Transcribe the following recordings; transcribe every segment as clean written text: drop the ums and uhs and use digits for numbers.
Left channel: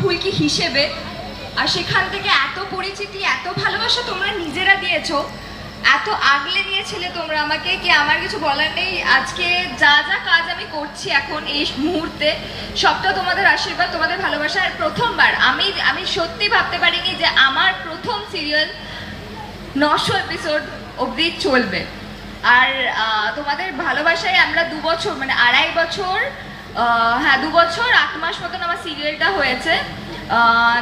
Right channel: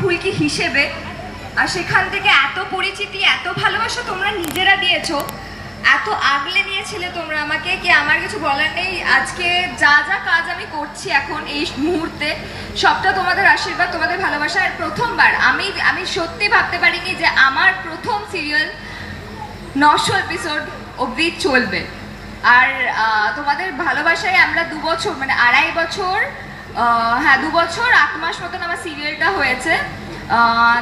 ফুলকি হিসেবে। আর সেখান থেকে এত পরিচিতি, এত ভালোবাসা তোমরা নিজেরা দিয়েছো, এত আগলে নিয়েছিলে তোমরা আমাকে, কি আমার কিছু বলার নেই। আজকে যা যা কাজ আমি করছি এখন এই মুহূর্তে, সবটা তোমাদের আশীর্বাদ, তোমাদের ভালোবাসার। প্রথমবার আমি সত্যি ভাবতে পারিনি যে আমার প্রথম সিরিয়াল 900 এপিসোড অবধি চলবে। আর তোমাদের ভালোবাসায় আমরা 2 বছর, মানে 2.5 বছর, হ্যাঁ 2 বছর 8 মাস মতন আমার সিরিয়ালটা হয়েছে।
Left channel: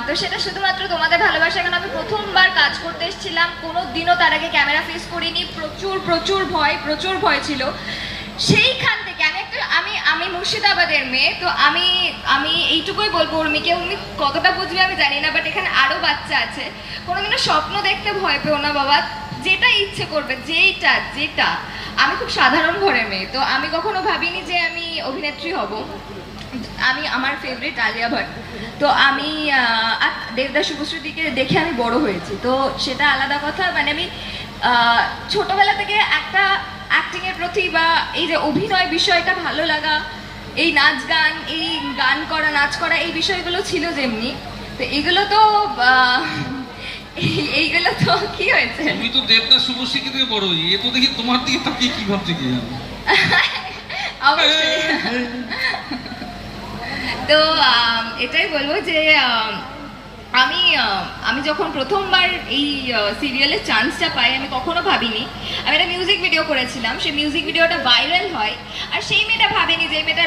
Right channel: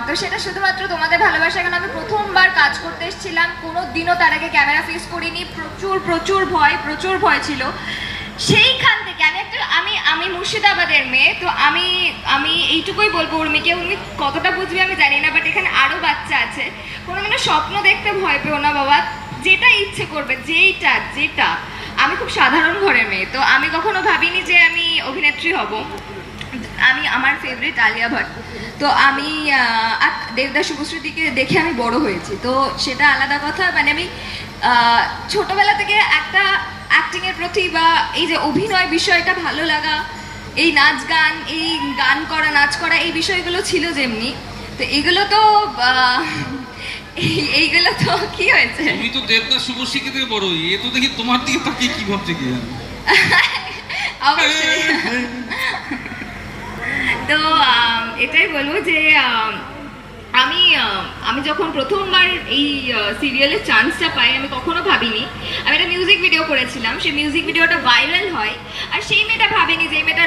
তো সেটা শুধুমাত্র তোমাদের ভালোবাসা। কারণ আমি প্রথমবার কাজ করতে এসেছিলাম, কোনো দিনও তার আগে ক্যামেরা ফেস করিনি, প্রচুর ভয় ছিল। সেইখান থেকে আমি মুর্শিদাবাদের মেয়ে, তো আমি এইটুকুই বলবো উর্মিকে, উর্মি কতটা বুঝবে আমি জানি না, বাট এখানে আরো বাচ্চা আছে, কোনোদিনও স্বপ্ন দেখতে ভয় পেও না বাবা, যেটা ইচ্ছে করবে, যেটা। আমি খুব সাধারণ ঘরের মেয়ে, তো আমি কখনো ভাবিনি যে আমি অভিনেত্রী হব। আমার ফেভারিট আলিয়া ভাট, তো আমি দেবদাস শুভশ্রীদিকে দেখে আমি বড় হয়েছি, তো সেটা আলাদা কথা। মানে আমি ছোটবেলা থেকে একটা অ্যাক্টিং এর প্রতি বা এই যে অভিনয় বিষয়টা ভালো লাগা, এই নাচ গান, এই গান করা, নাচ করা, এই বিষয়গুলো ছিল যেমনি, তো এইগুলো তো এইগুলো তো কি হয়েছে, তুমি তো দেবদাস শুভশ্রীকে থেকে বড়, এ তো দেখি তোমার দিকে তাকিয়ে কি ভাবছে কি জানো। অবশ্যই। তো এটাই বলবো যে আমি যখন প্রথমবার এই সিরিয়ালের চান্সটা পাই, আমি কখনো ভাবিনি। আমি একটা মিউজিক ভিডিও করেছিলাম, সেই মিউজিক ভিডিওটা ভাইরাল হয়, আর সেই মেয়েটা ভাবেনি যে মেয়েটা